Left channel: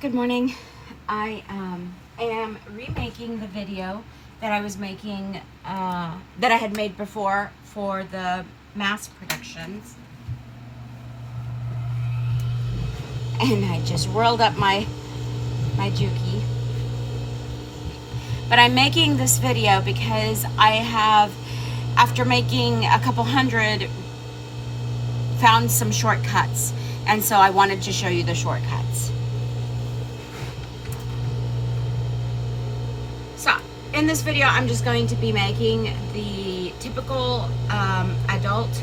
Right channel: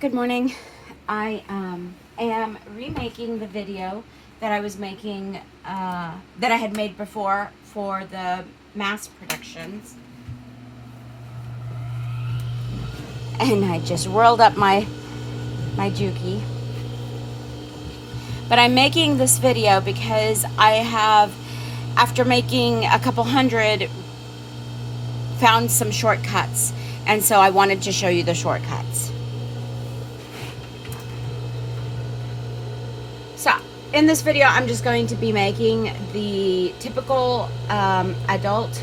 Good morning. I am remaking the video that I was making, that I had made before for the mask productions. And I just rolled up my Juki. But I'm making this video because I have, after making a couple hundred, found some shortcuts. And so I wanted to show you the shortcuts. So in this video, I'm just going to be making the typical adult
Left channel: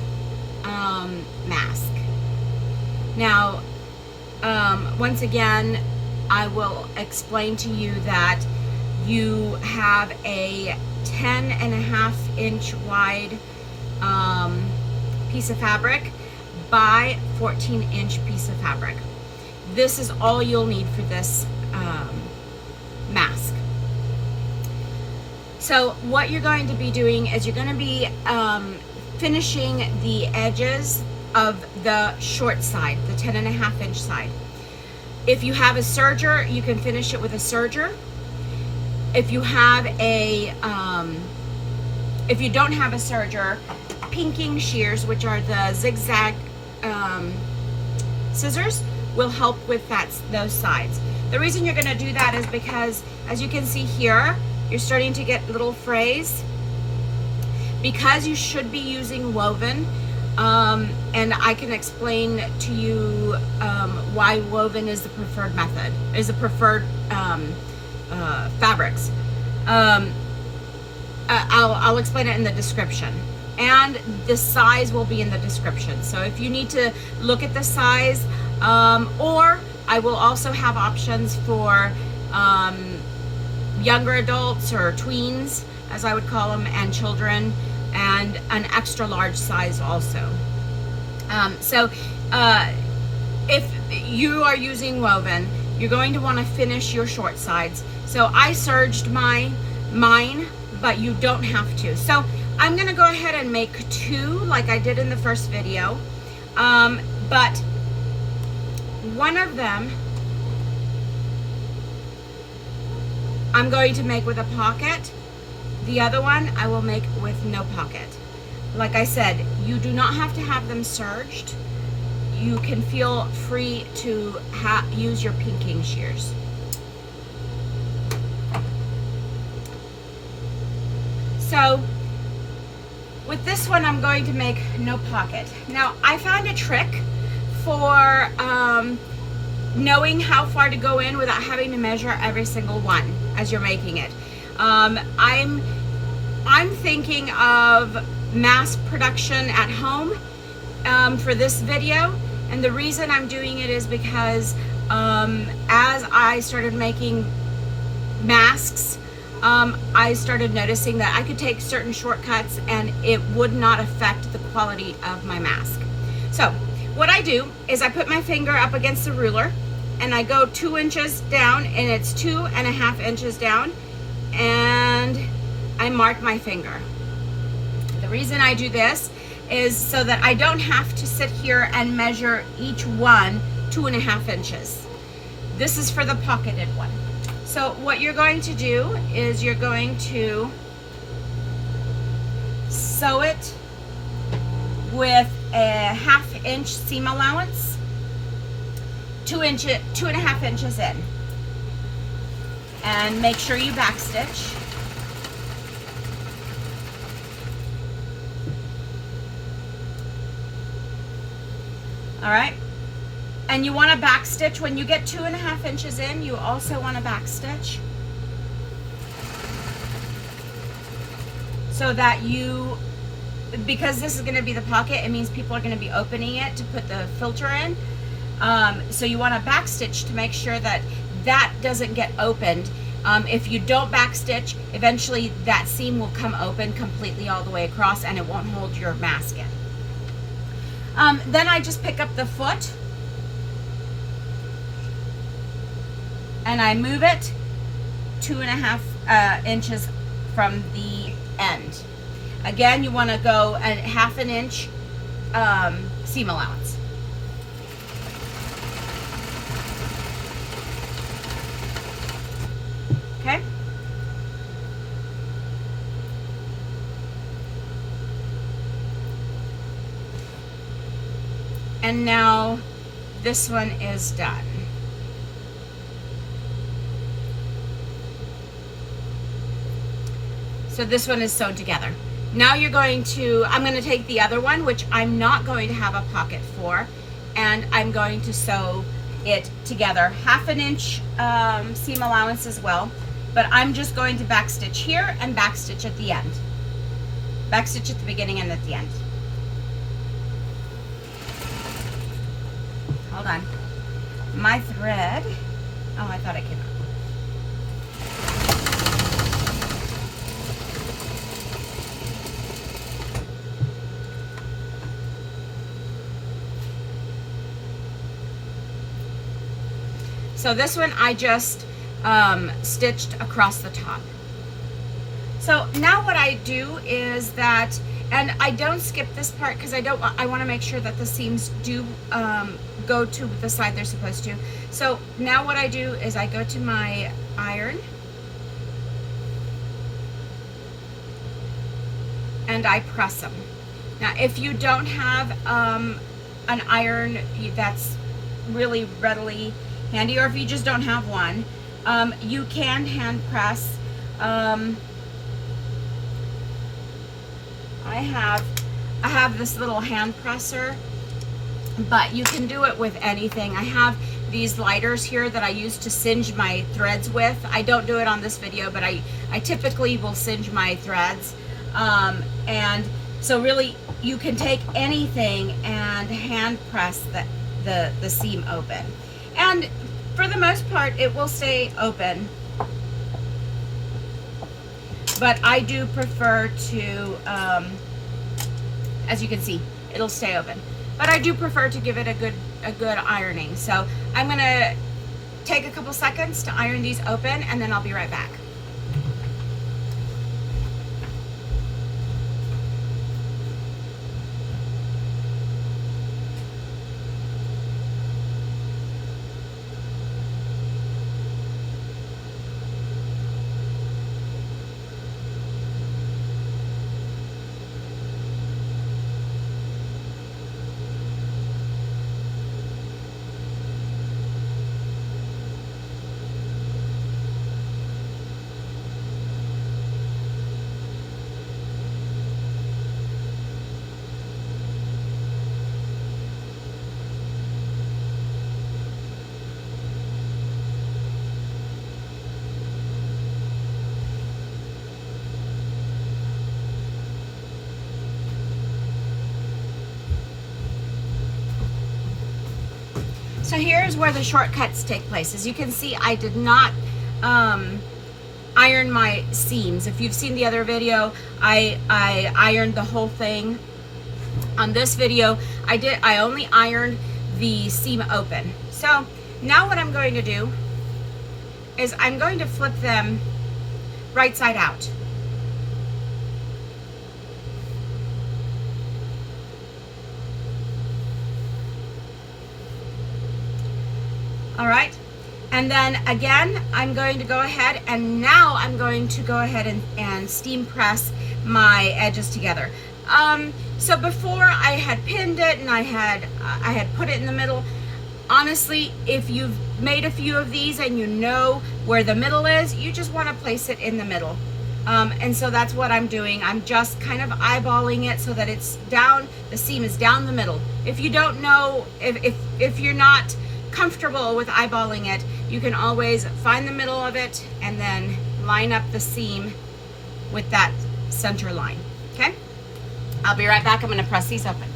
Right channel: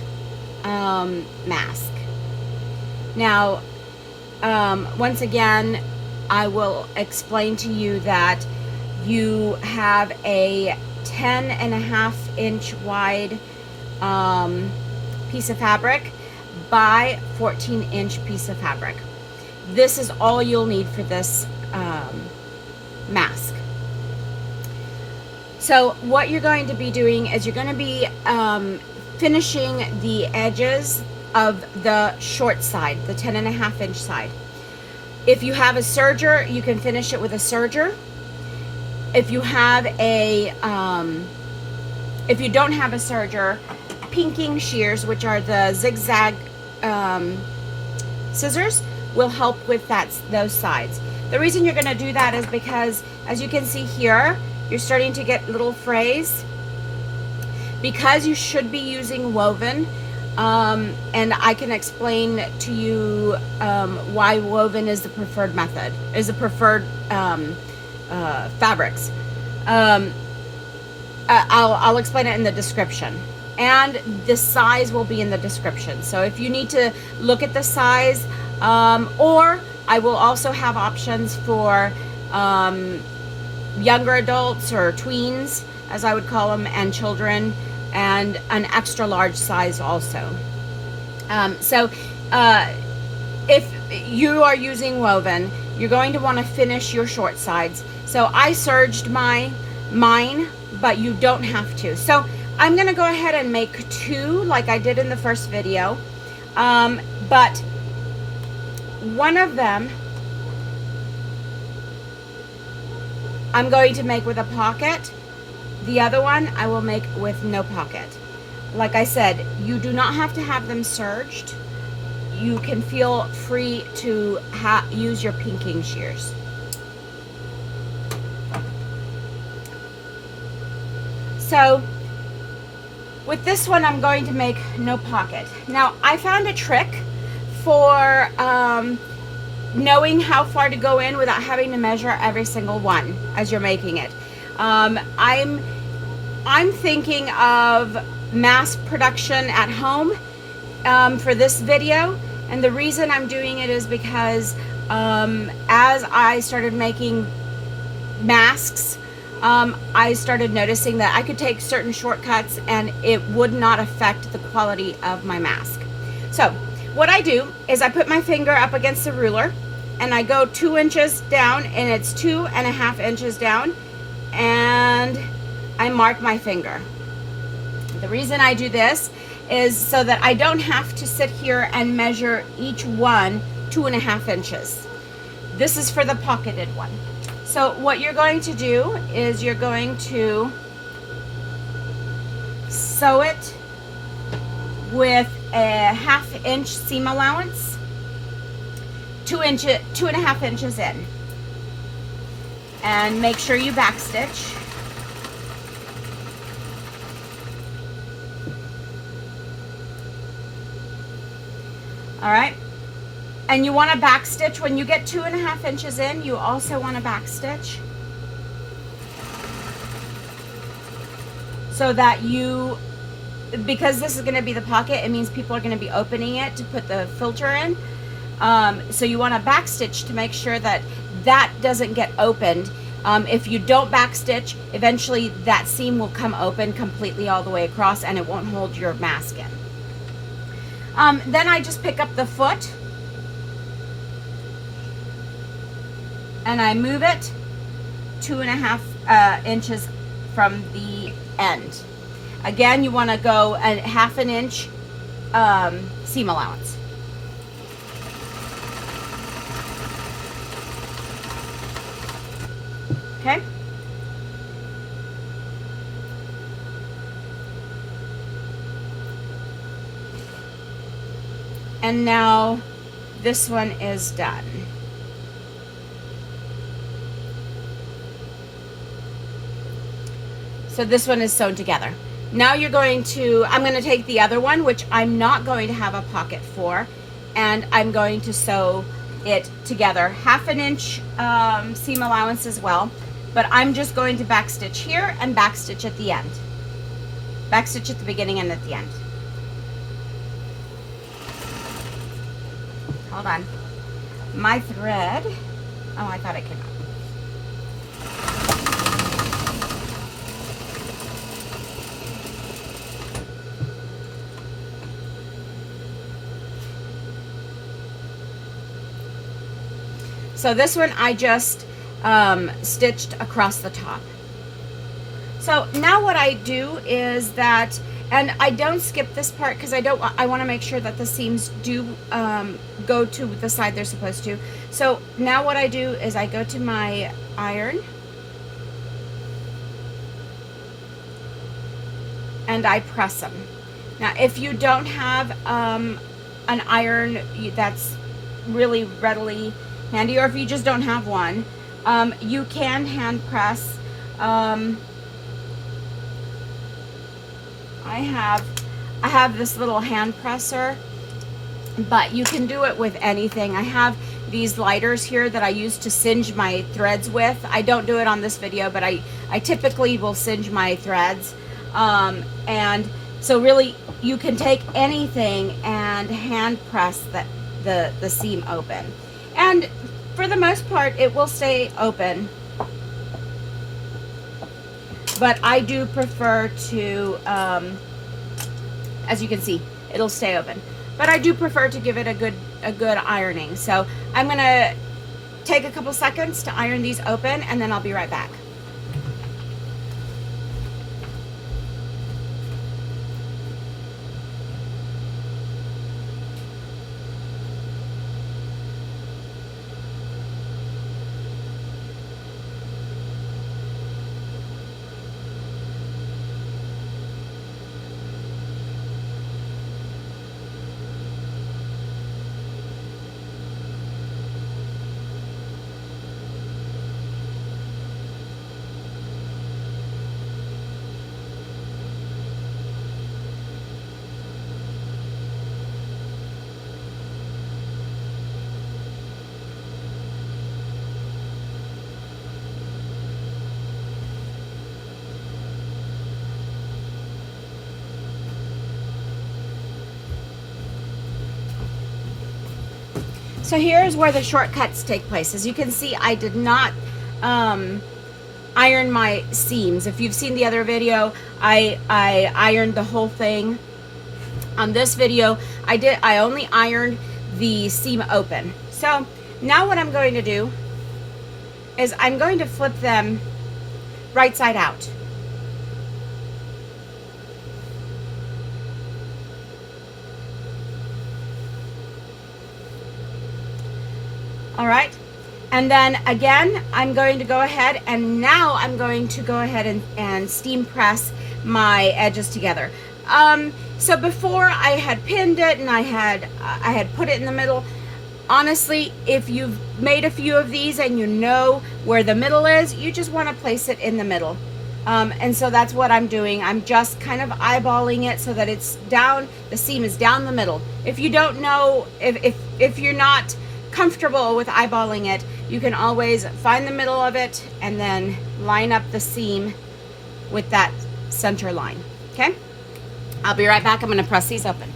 mask. Now, once again, I will explain to you that you have a 10.5-inch wide piece of fabric by 14-inch piece of fabric. This is all you'll need for this mask. So what you're going to be doing is you're going to be finishing the edges of the short side, the 10.5-inch side. If you have a serger, you can finish it with a serger. If you have a, if you don't have a serger, pinking shears, which are the zigzag scissors, will help with those sides. The reason you're going to do that is because, as you can see here, you're starting to get little frays. Because you should be using woven, and I can explain to you why woven is the preferred method, is the preferred fabrics. I'll explain it in the description, and the size will be in the description. So if you need to look at the size, or I will also have options for younger adults, or tweens as I would call them, and children, and an extra large size also. If you are using woven, you're going to want to finish your short sides. So I serged mine, but you don't have to. So I'm going to go ahead and make two like I did in the first video, but one of them I'm going to make with a pocket. The other one I will make with no pocket. Like I said, you do not have to have them serged. You can feel free to use your pinking shears. So with this one, I'm going to make no pocket. Now, I found a trick for knowing how far to go in without having to measure every single one as you're making it. I'm thinking of mass production at home for this video, and the reason I'm doing it is because as I started making masks, I started noticing that I could take certain shortcuts and it would not affect the quality of my mask. So what I do is I put my finger up against the ruler and I go 2 inches down, and it's 2.5 inches down, and I mark my finger. The reason I do this is so that I don't have to sit here and measure each one 2.5 inches. This is for the pocketed one. So what you're going to do is you're going to sew it with a 1/2 inch seam allowance, 2.5 inches in, and make sure you backstitch. All right, and you want to backstitch when you get 2.5 inches in. You also want to backstitch so that because this is going to be the pocket, it means people are going to be opening it to put the filter in. So you want to backstitch to make sure that doesn't get opened. If you don't backstitch, eventually that seam will come open completely all the way across, and it won't hold your mask in. Then I just pick up the foot and I move it 2.5 inches from the end. Again, you want to go a 1/2 inch seam allowance. Okay? And now this one is done. So this one is sewn together. Now I'm going to take the other one, which I'm not going to have a pocket for, and I'm going to sew it together. 1/2 inch seam allowance as well, but I'm just going to backstitch here and backstitch at the end. Backstitch at the beginning and at the end. Hold on. My thread, oh, I thought it came out. So this one I just stitched across the top. So now what I do is that, and I don't skip this part because I want to make sure that the seams do go to the side they're supposed to. So now what I do is I go to my iron and I press them. Now if you don't have an iron that's really readily handy, or if you just don't have one, you can hand press. I have this little hand presser, but you can do it with anything. I have these lighters here that I use to singe my threads with. I don't do it on this video, but I typically will singe my threads. And so really you can take anything and hand press the seam open. And for the most part, it will stay open. But I do prefer to, as you can see, it'll stay open. But I do prefer to give it a good ironing. So I'm gonna take a couple seconds to iron these open, and then I'll be right back. So here's where the shortcuts take place. As you can see, I did not iron my seams. If you've seen the other video, I ironed the whole thing. On this video, I only ironed the seam open. So now what I'm going to do is I'm going to flip them right side out. All right, and then again, I'm going to go ahead, and now I'm going to go ahead and steam press my edges together. So before I had pinned it and I had put it in the middle. Honestly, if you've made a few of these and you know where the middle is, you just want to place it in the middle. And so that's what I'm doing. I'm just kind of eyeballing it so that it's down, the seam is down the middle. If you don't know, if you're not comfortable with eyeballing it, you can always find the middle of it and then line up the seam with that center line. Okay, I'll be right back. I'm going to press these open.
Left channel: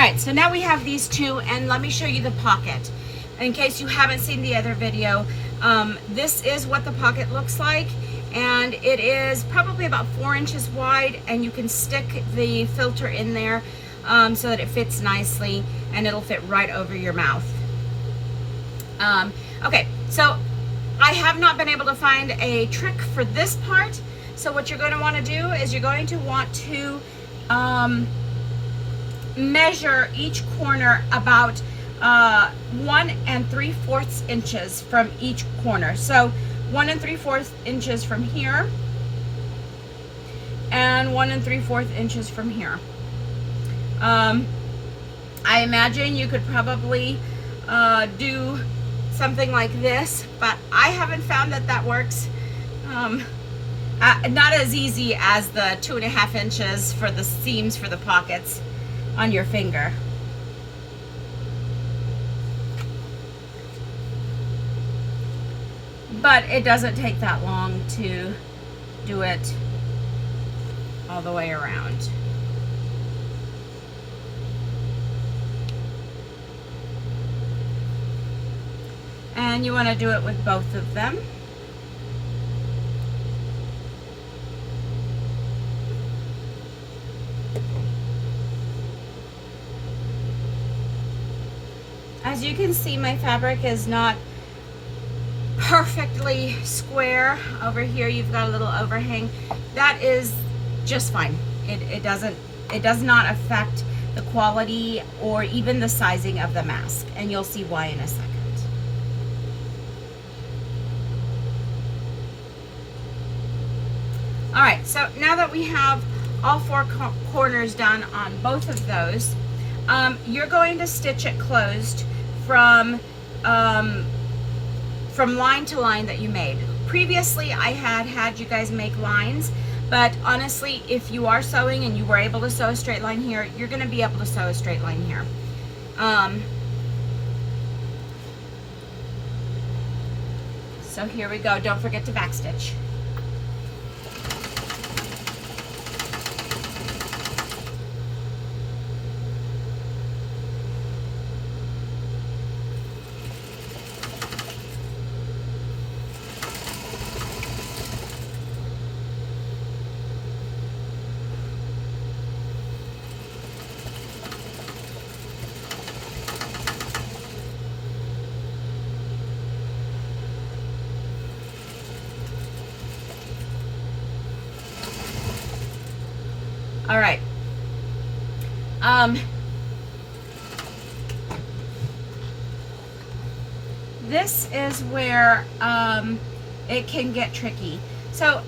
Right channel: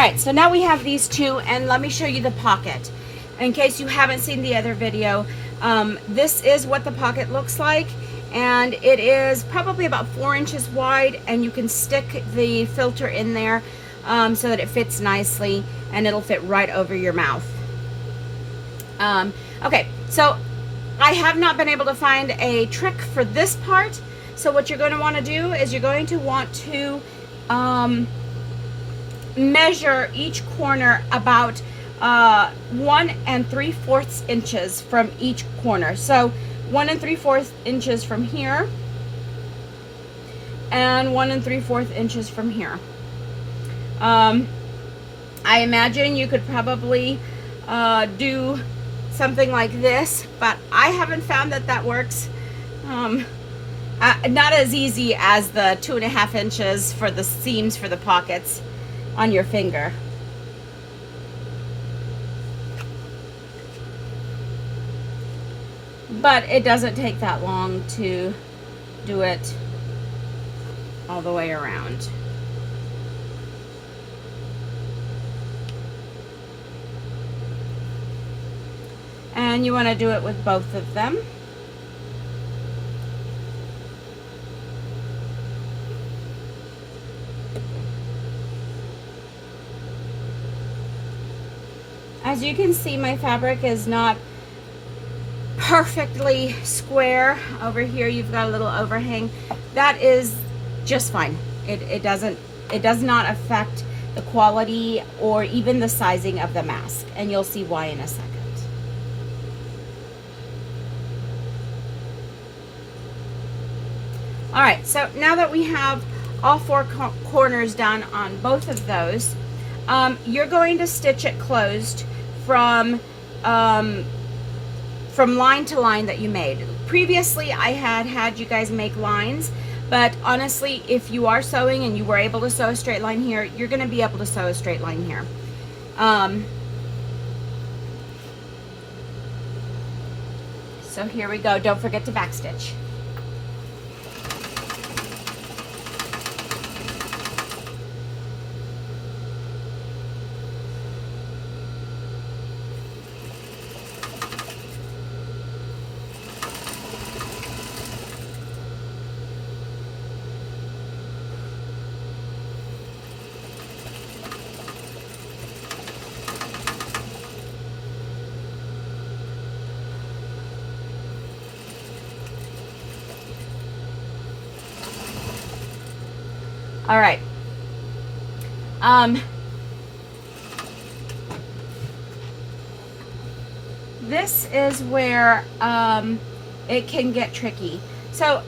right, so now we have these two, and let me show you the pocket. In case you haven't seen the other video, this is what the pocket looks like, and it is probably about 4 inches wide, and you can stick the filter in there so that it fits nicely, and it'll fit right over your mouth. Okay, so I have not been able to find a trick for this part, so what you're going to want to do is you're going to want to measure each corner about 1 3/4 inches from each corner. So 1 3/4 inches from here, and 1 3/4 inches from here. I imagine you could probably do something like this, but I haven't found that that works. Not as easy as the 2.5 inches for the seams for the pockets on your finger. But it doesn't take that long to do it all the way around. And you want to do it with both of them. As you can see, my fabric is not perfectly square. Over here you've got a little overhang. That is just fine. It does not affect the quality or even the sizing of the mask, and you'll see why in a second. All right, so now that we have all 4 corners done on both of those, you're going to stitch it closed from line to line that you made. Previously, I had you guys make lines, but honestly, if you are sewing and you were able to sew a straight line here, you're going to be able to sew a straight line here. So here we go. Don't forget to backstitch. All right. This is where it can get tricky. So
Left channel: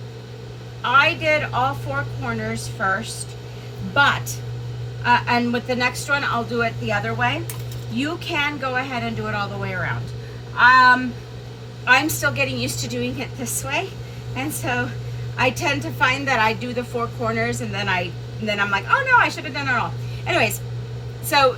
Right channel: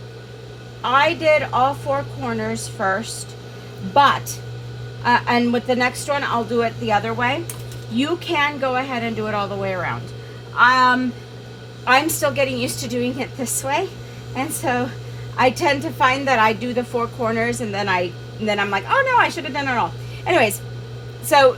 I did all 4 corners first, but and with the next one I'll do it the other way. You can go ahead and do it all the way around. I'm still getting used to doing it this way, and so I tend to find that I do the 4 corners and then I'm like, oh no, I should have done it all. Anyways, so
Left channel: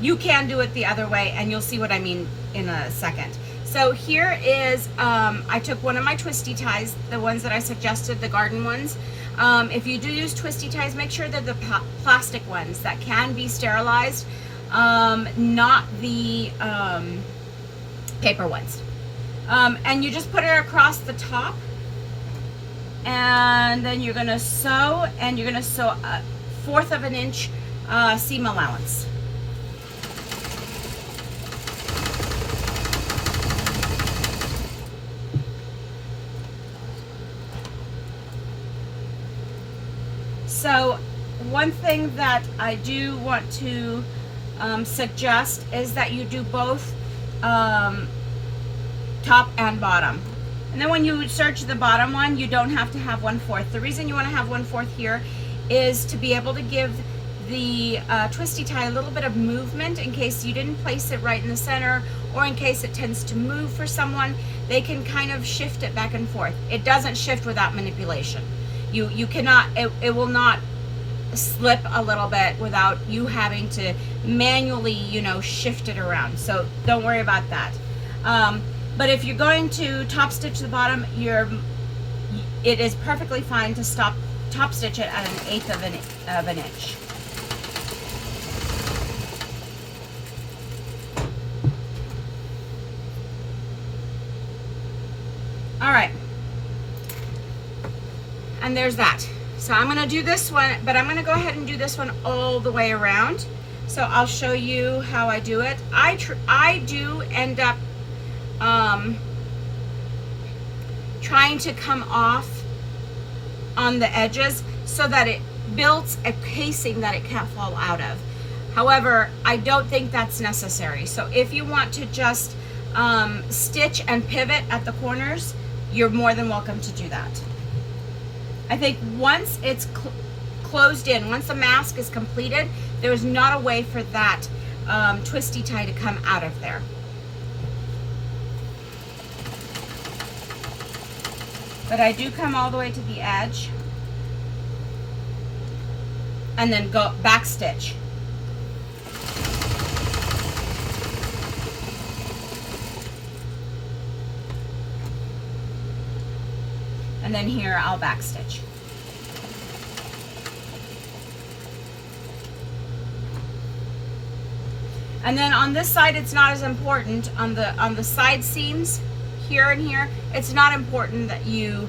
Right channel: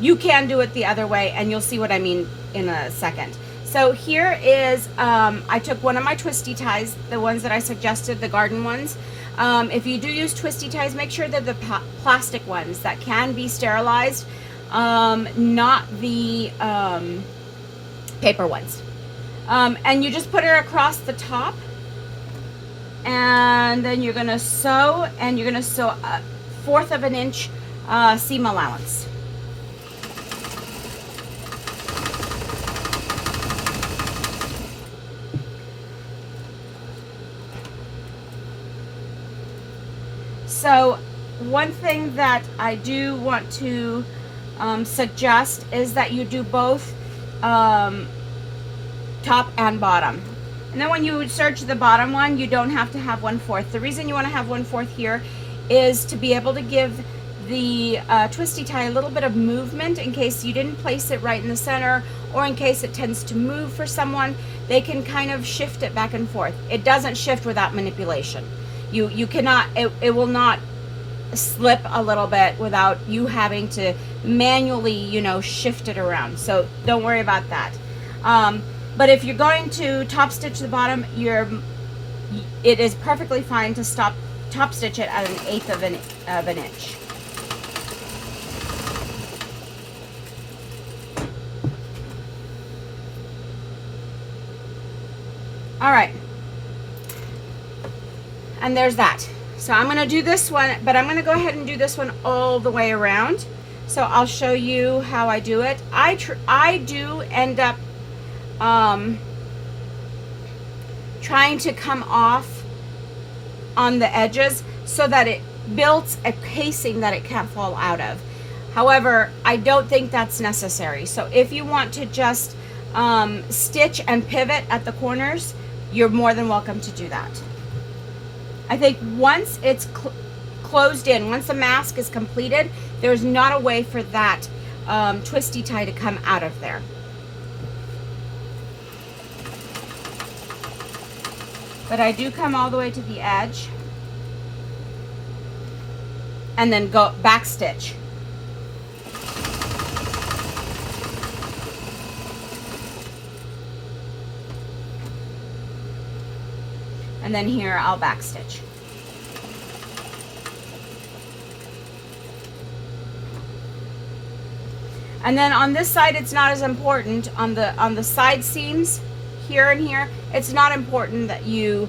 you can do it the other way, and you'll see what I mean in a second. So here is, I took one of my twisty ties, the ones that I suggested, the garden ones. If you do use twisty ties, make sure they're the plastic ones that can be sterilized, not the paper ones. And you just put it across the top, and then you're going to sew, and you're going to sew 1/4 of an inch seam allowance. So one thing that I do want to suggest is that you do both top and bottom. And then when you serge the bottom one, you don't have to have 1/4. The reason you want to have 1/4 here is to be able to give the twisty tie a little bit of movement in case you didn't place it right in the center, or in case it tends to move for someone. They can kind of shift it back and forth. It doesn't shift without manipulation. You cannot, it will not slip a little bit without you having to manually, you know, shift it around. So don't worry about that. But if you're going to top stitch the bottom, it is perfectly fine to top stitch it at 1/8 of an inch. All right. And there's that. So I'm going to do this one, but I'm going to go ahead and do this one all the way around. So I'll show you how I do it. I do end up trying to come off on the edges so that it builds a casing that it can't fall out of. However, I don't think that's necessary. So if you want to just stitch and pivot at the corners, you're more than welcome to do that. I think once it's closed in, once the mask is completed, there's not a way for that twisty tie to come out of there. But I do come all the way to the edge and then go back stitch. And then here I'll back stitch. And then on this side, it's not as important. On the side seams here and here, it's not important that you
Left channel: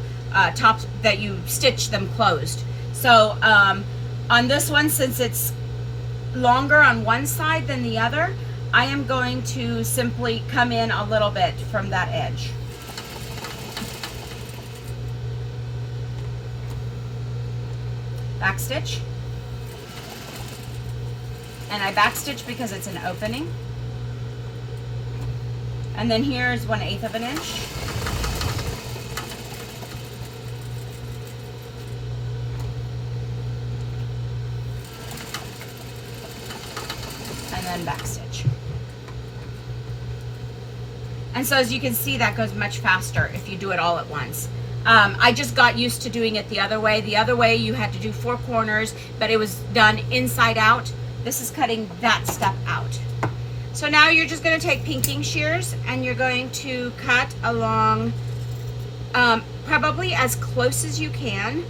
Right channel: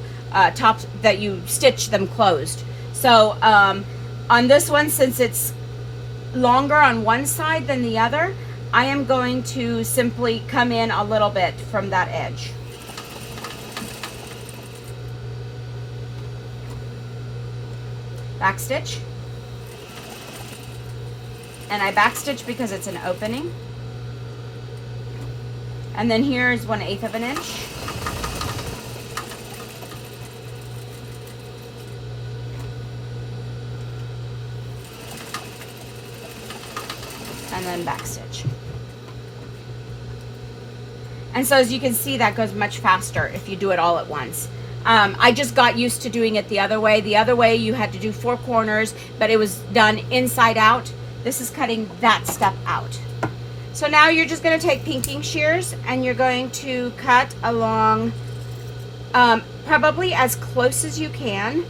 stitch them closed. So on this one, since it's longer on one side than the other, I am going to simply come in a little bit from that edge. Back stitch, and I back stitch because it's an opening, and then here's 1/8 of an inch, and then back stitch. And so as you can see, that goes much faster if you do it all at once. I just got used to doing it the other way. The other way you had to do 4 corners, but it was done inside out. This is cutting that step out. So now you're just going to take pinking shears and you're going to cut along probably as close as you can.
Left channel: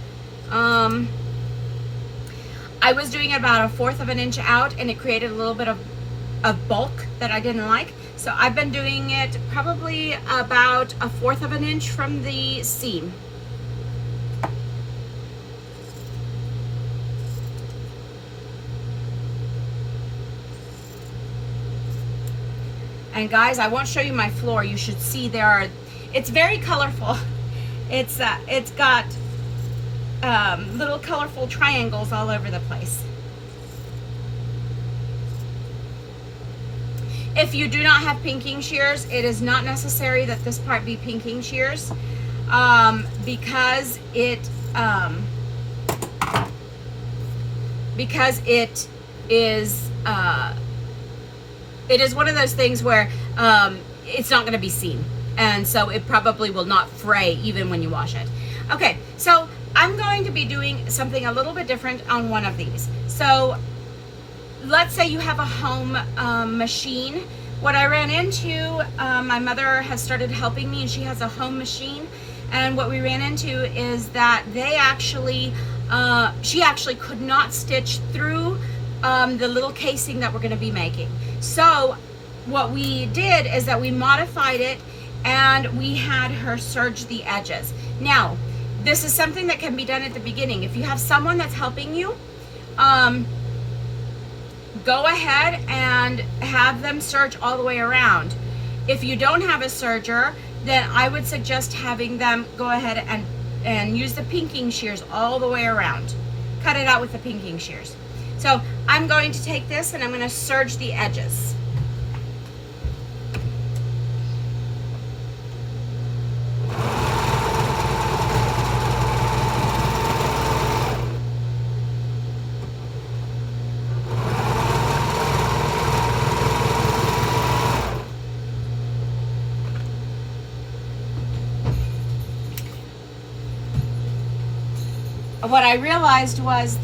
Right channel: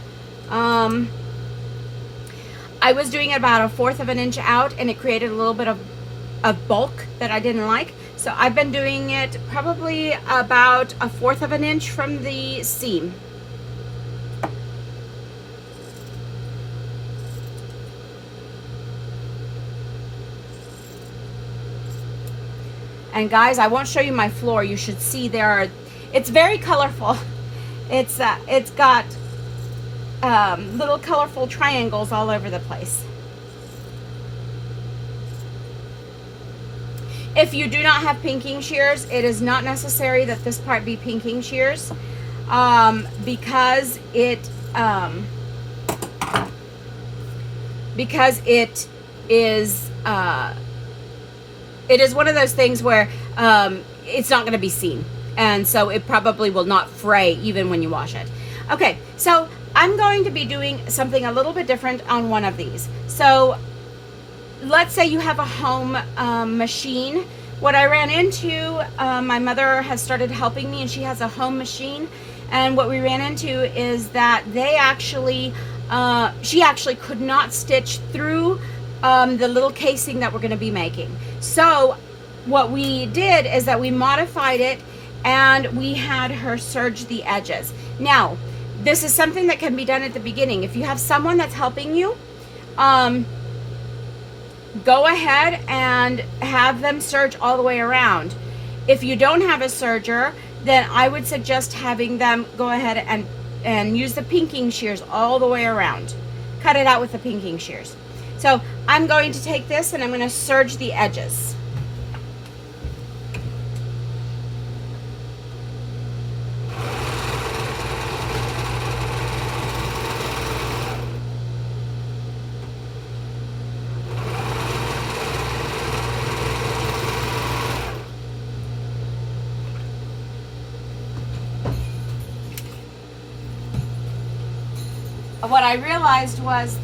I was doing about 1/4 of an inch out, and it created a little bit of bulk that I didn't like. So I've been doing it probably about 1/4 of an inch from the seam. And guys, I won't show you my floor. You should see it's very colorful. It's got little colorful triangles all over the place. If you do not have pinking shears, it is not necessary that this part be pinking shears, because it is one of those things where it's not going to be seen, and so it probably will not fray even when you wash it. Okay, so I'm going to be doing something a little bit different on one of these. So let's say you have a home machine. What I ran into, my mother has started helping me, and she has a home machine, and what we ran into is that she actually could not stitch through the little casing that we're going to be making. So what we did is that we modified it, and we had her serge the edges. Now, this is something that can be done at the beginning. If you have someone that's helping you, go ahead and have them serge all the way around. If you don't have a serger, then I would suggest having them go ahead and use the pinking shears all the way around. Cut it out with the pinking shears. So I'm going to take this and I'm going to serge the edges. What I realized was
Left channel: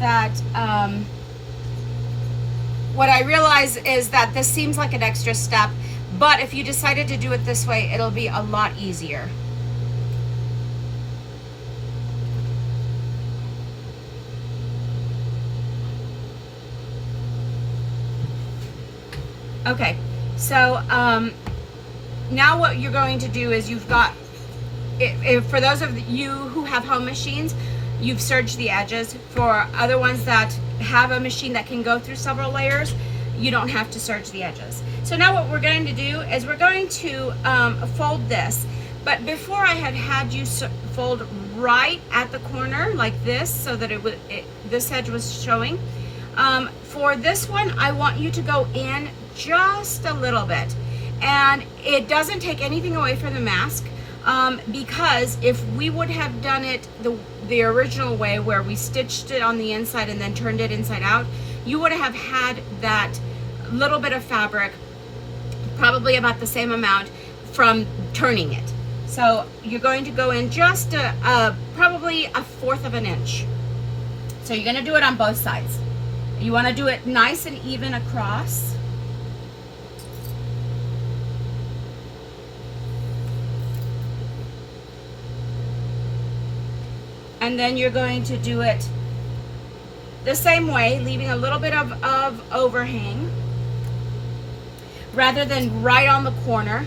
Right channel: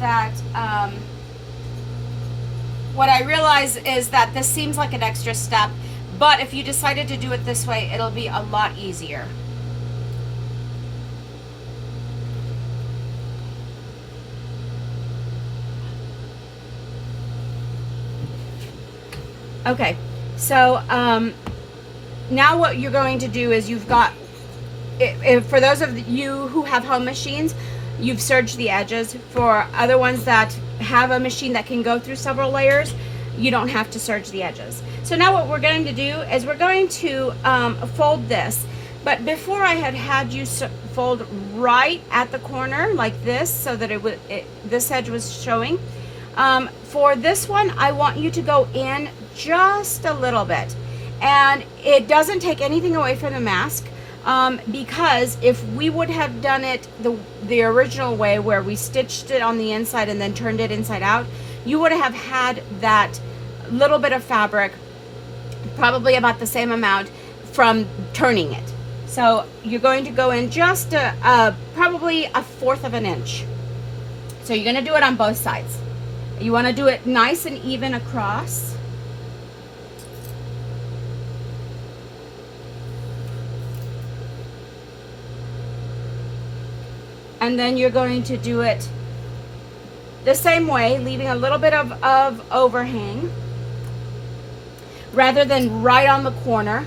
that this seems like an extra step, but if you decided to do it this way, it'll be a lot easier. Okay, so now what you're going to do is you've got for those of you who have home machines, you've serged the edges. For other ones that have a machine that can go through several layers, you don't have to serge the edges. So now what we're going to do is we're going to fold this. But before I had you fold right at the corner like this, so that this edge was showing. For this one, I want you to go in just a little bit. And it doesn't take anything away from the mask, because if we would have done it the original way, where we stitched it on the inside and then turned it inside out, you would have had that little bit of fabric, probably about the same amount, from turning it. So you're going to go in just probably 1/4 of an inch. So you're going to do it on both sides. You want to do it nice and even across. And then you're going to do it the same way, leaving a little bit of overhang rather than right on the corner.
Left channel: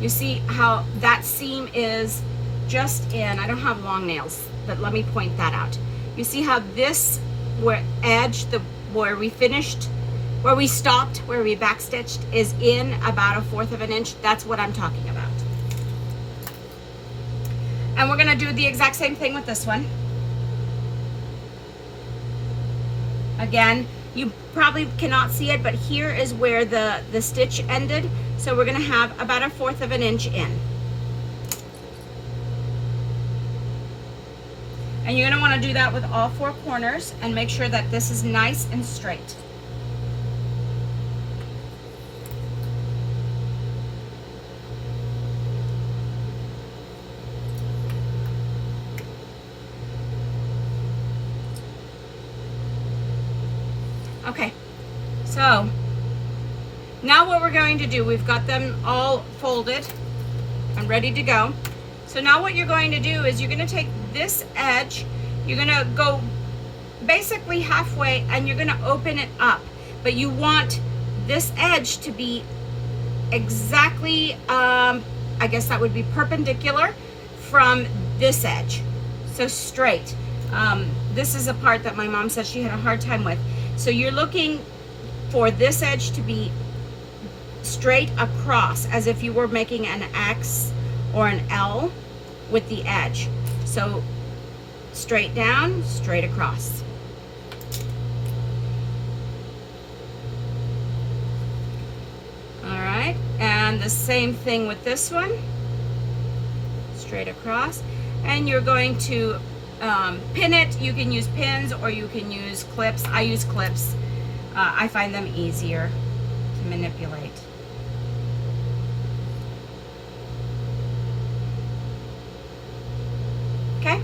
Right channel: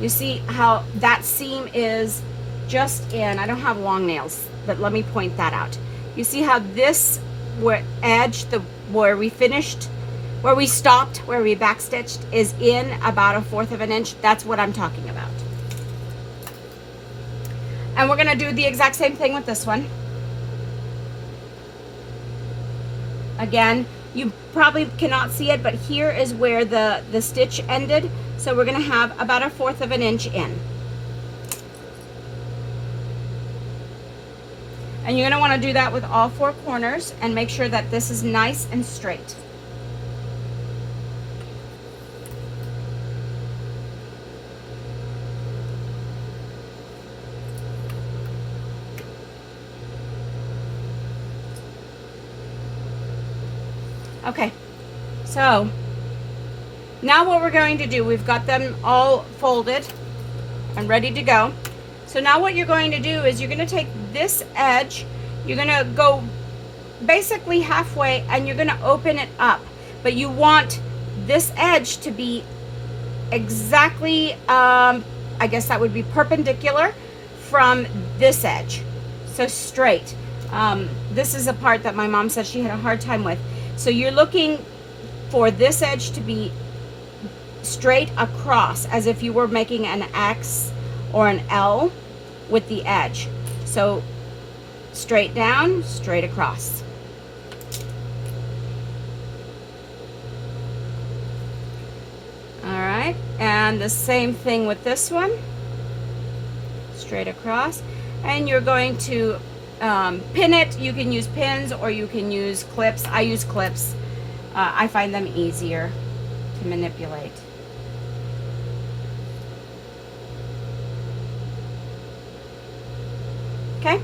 You see how that seam is just in. I don't have long nails, but let me point that out. You see how this edge, where we finished, where we stopped, where we backstitched, is in about 1/4 of an inch. That's what I'm talking about. And we're going to do the exact same thing with this one. Again, you probably cannot see it, but here is where the stitch ended. So we're going to have about 1/4 of an inch in. And you're going to want to do that with all 4 corners and make sure that this is nice and straight. Okay, so now what we're going to do, we've got them all folded and ready to go. So now what you're going to do is you're going to take this edge, you're going to go basically halfway, and you're going to open it up. But you want this edge to be exactly, I guess that would be perpendicular from this edge. So straight. This is a part that my mom said she had a hard time with. So you're looking for this edge to be straight across, as if you were making an X or an L with the edge. So straight down, straight across. All right, and the same thing with this one, straight across. And you're going to pin it. You can use pins or you can use clips. I use clips. I find them easier to manipulate. Okay,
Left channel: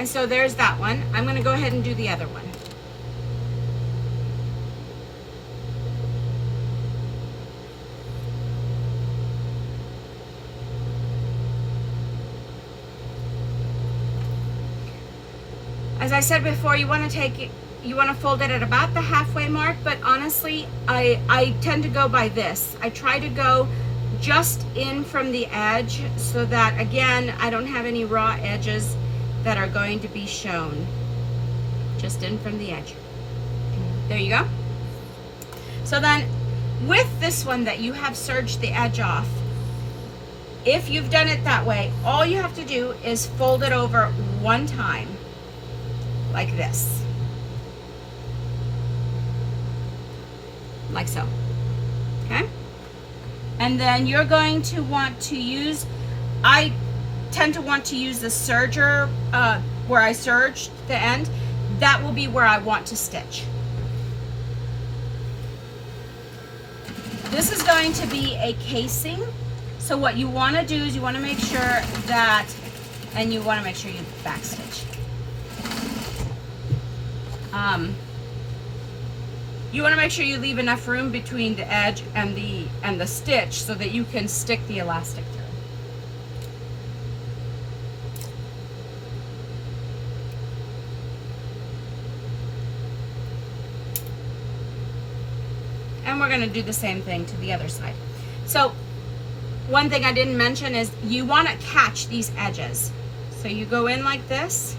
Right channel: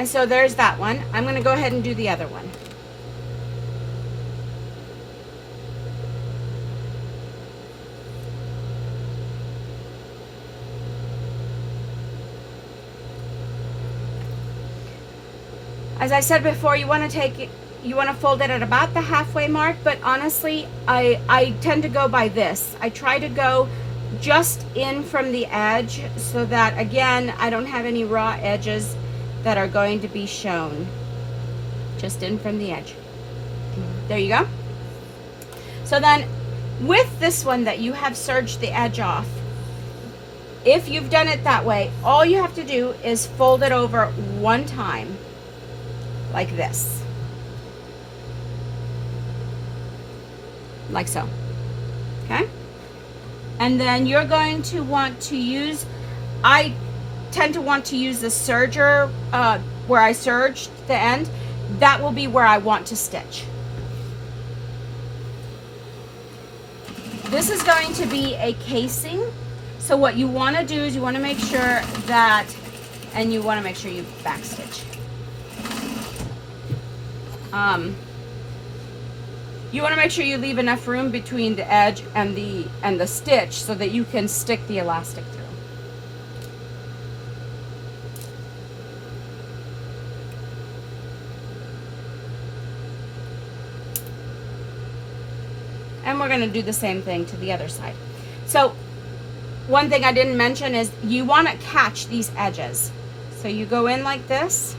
and so there's that one. I'm going to go ahead and do the other one. As I said before, you want to fold it at about the halfway mark, but honestly, I tend to go by this. I try to go just in from the edge so that, again, I don't have any raw edges that are going to be shown. Just in from the edge. There you go. So then, with this one that you have serged the edge off, if you've done it that way, all you have to do is fold it over one time, like this. Like so. Okay? And then you're going to want to use, I tend to want to use the serger where I serged the end. That will be where I want to stitch. This is going to be a casing. So what you want to do is you want to make sure that, and you want to make sure you backstitch. You want to make sure you leave enough room between the edge and the stitch so that you can stick the elastic through. And we're going to do the same thing to the other side. So one thing I didn't mention is you want to catch these edges. So you go in like this,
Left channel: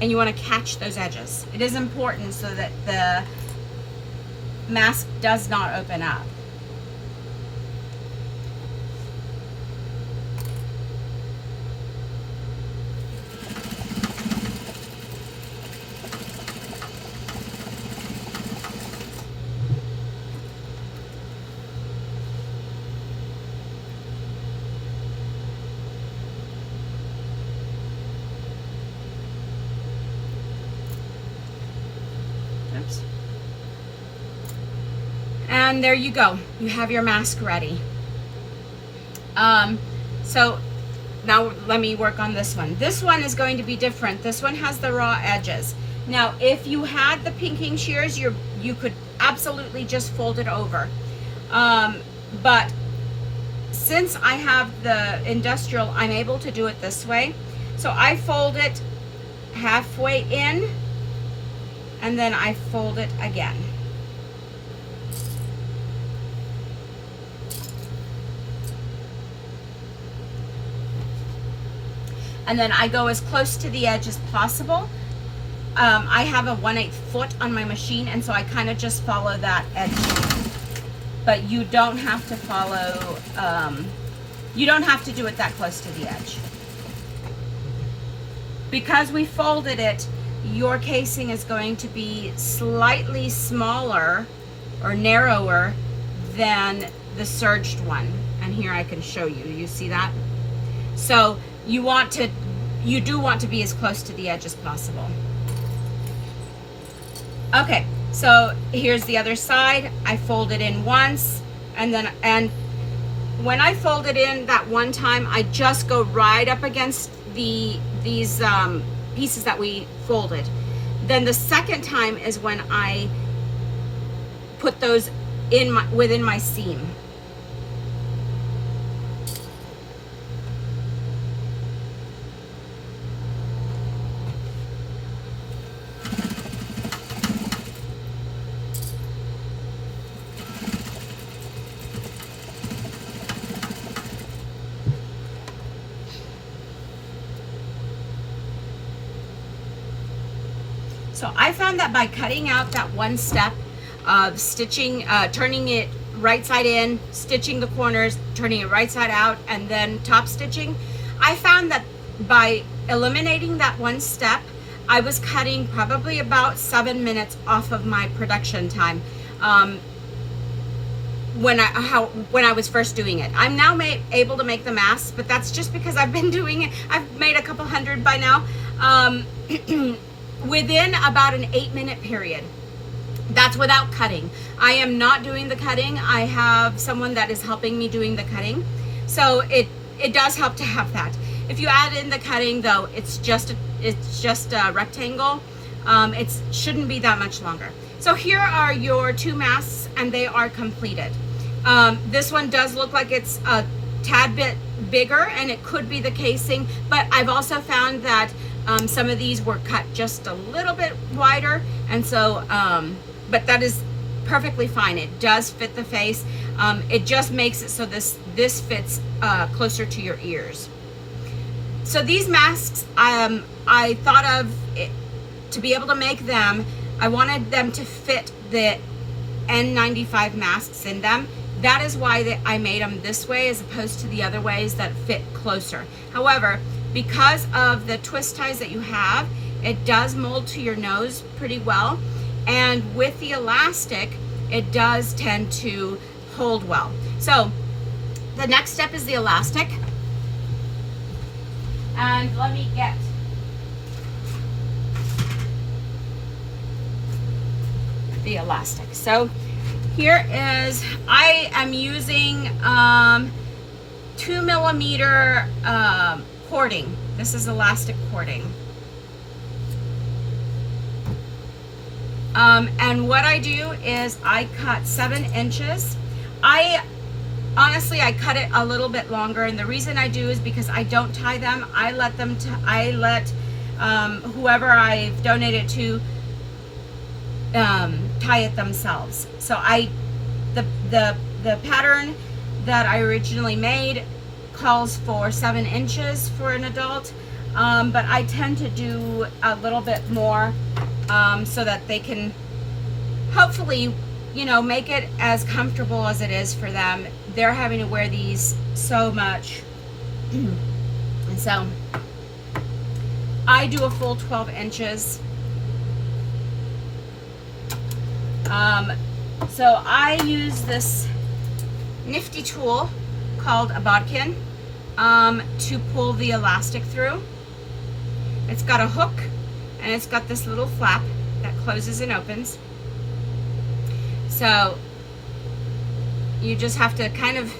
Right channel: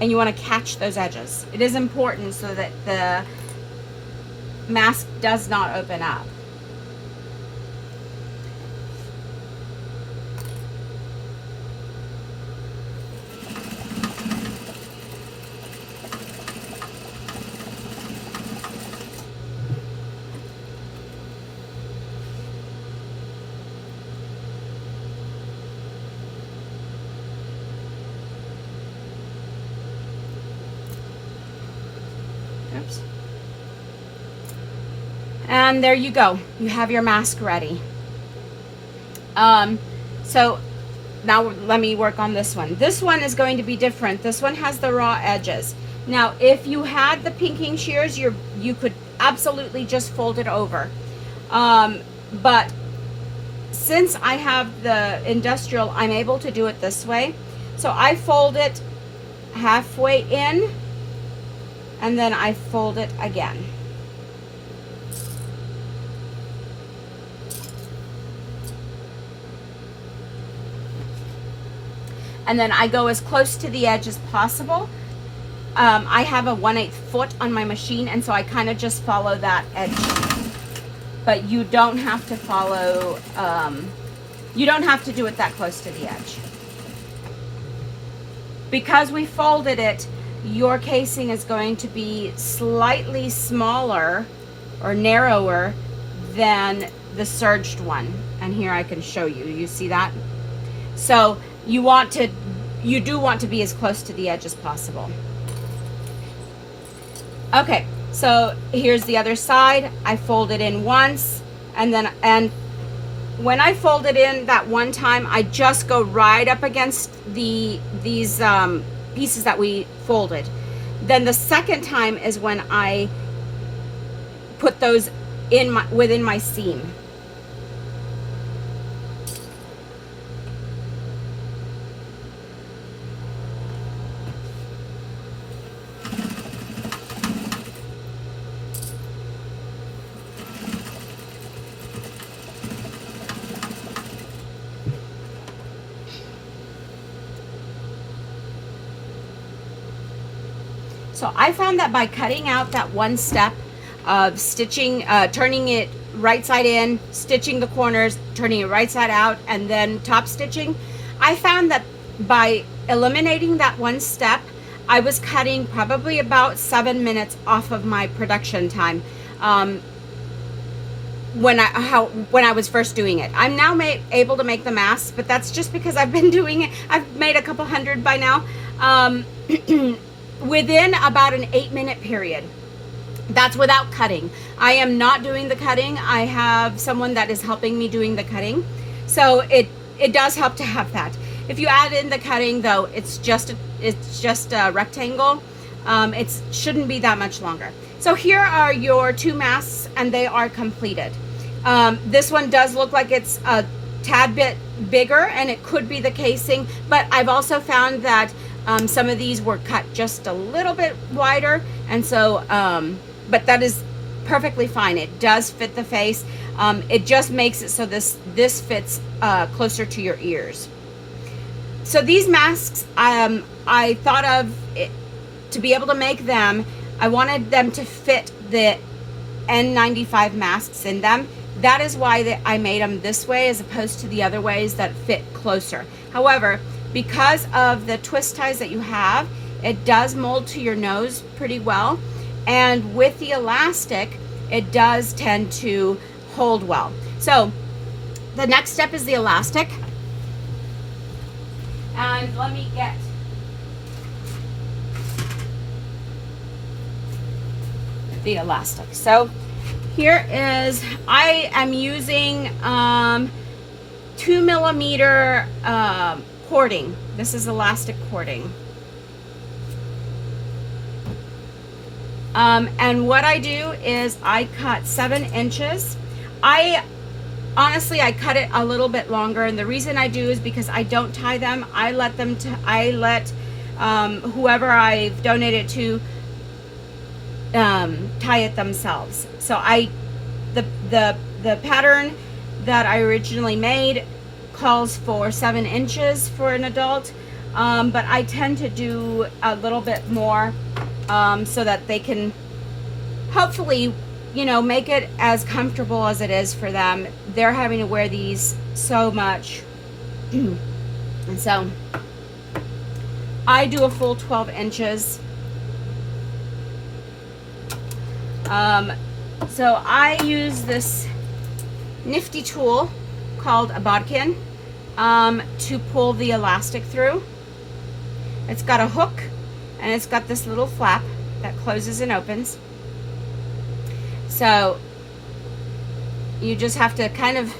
and you want to catch those edges. It is important so that the mask does not open up. Oops. And there you go. You have your mask ready. So now let me work on this one. This one is going to be different. This one has the raw edges. Now, if you had the pinking shears, you could absolutely just fold it over. But since I have the industrial, I'm able to do it this way. So I fold it halfway in, and then I fold it again. And then I go as close to the edge as possible. I have a 1/8 foot on my machine, and so I kind of just follow that edge. But you don't have to follow, you don't have to do it that close to the edge. Because we folded it, your casing is going to be slightly smaller or narrower than the serged one. And here I can show you. You see that? So you do want to be as close to the edge as possible. Okay, so here's the other side. I fold it in once, and when I fold it in that one time, I just go right up against these pieces that we folded. Then the second time is when I put those within my seam. So I found that by cutting out that one step of stitching, turning it right side in, stitching the corners, turning it right side out, and then top stitching, I found that by eliminating that one step, I was cutting probably about 7 minutes off of my production time when I was first doing it. I'm now able to make the masks, but that's just because I've been doing it. I've made a couple hundred by now. Within about an 8-minute period. That's without cutting. I am not doing the cutting. I have someone that is helping me doing the cutting. So it does help to have that. If you add in the cutting though, it's just a rectangle. It shouldn't be that much longer. So here are your 2 masks, and they are completed. This one does look like it's a tad bit bigger, and it could be the casing, but I've also found that some of these were cut just a little bit wider, and so but that is perfectly fine. It does fit the face. It just makes it so this fits closer to your ears. So these masks, I thought of to be able to make them, I wanted them to fit the N95 masks in them. That is why I made them this way as opposed to the other ways that fit closer. However, because of the twist ties that you have, it does mold to your nose pretty well. And with the elastic, it does tend to hold well. So the next step is the elastic. And let me get the elastic. So here is, I am using 2mm cording. This is elastic cording. And what I do is I cut 7 inches. Honestly, I cut it a little bit longer, and the reason I do is because I don't tie them. I let whoever I've donated to tie it themselves. So the the pattern that I originally made calls for 7 inches for an adult, but I tend to do a little bit more so that they can hopefully, you know, make it as comfortable as it is for them. They're having to wear these so much. And so I do a full 12 inches. So I use this nifty tool called a Bodkin to pull the elastic through. It's got a hook and it's got this little flap that closes and opens. So you just have to kind of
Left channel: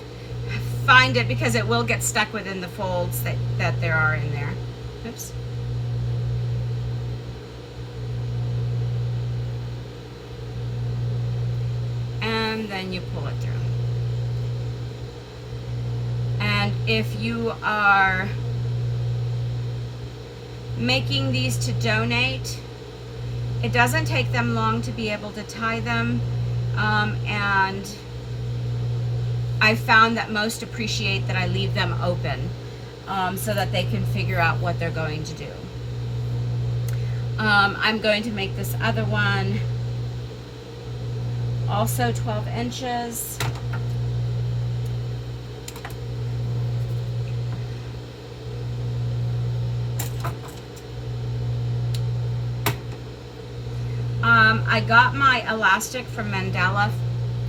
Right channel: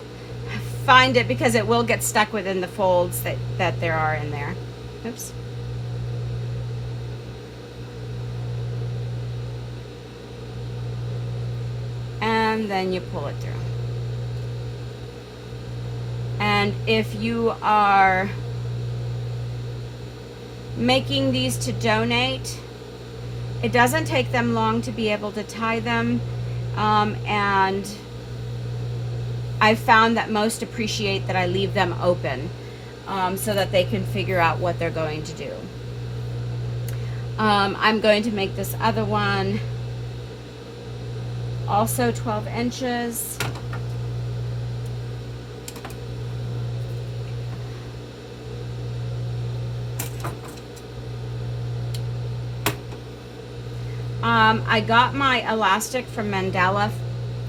find it because it will get stuck within the folds that there are in there. Oops. And then you pull it through. And if you are making these to donate, it doesn't take them long to be able to tie them, and I found that most appreciate that I leave them open so that they can figure out what they're going to do. I'm going to make this other one also 12 inches. I got my elastic from Mandala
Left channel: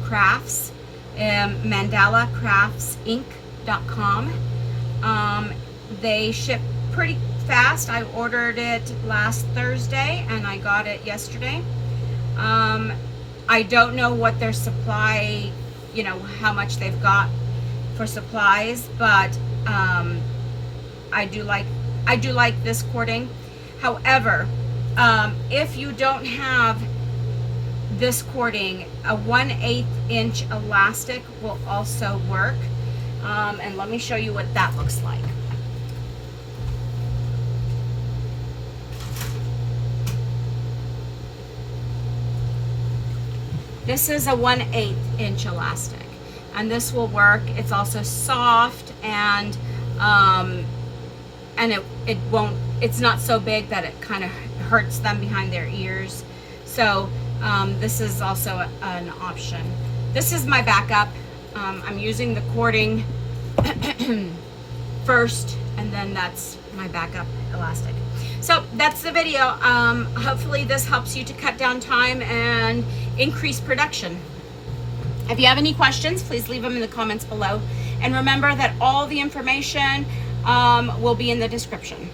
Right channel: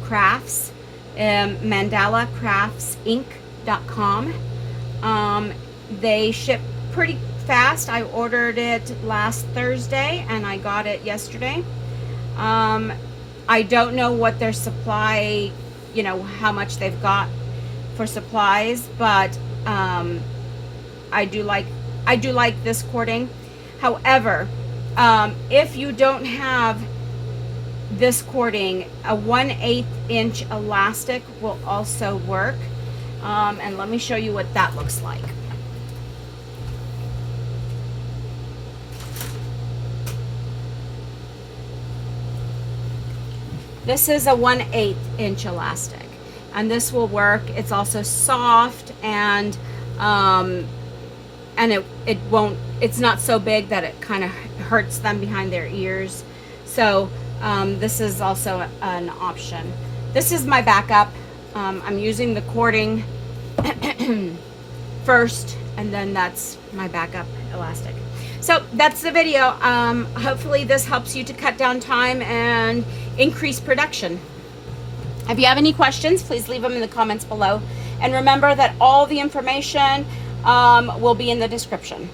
Crafts, mandalacraftsinc.com. They ship pretty fast. I ordered it last Thursday and I got it yesterday. I don't know what their supply, you know, how much they've got for supplies, but I do like this cording. However, if you don't have this cording, a 1/8 inch elastic will also work. And let me show you what that looks like. This is a 1/8 inch elastic, and this will work. It's also soft, and it won't, it's not so big that it kind of hurts them behind their ears. So this is also an option. This is my backup. I'm using the cording first, and then that's my backup elastic. So that's the video. Hopefully this helps you to cut down time and increase production. If you have any questions, please leave them in the comments below. And remember that all the information will be in the description.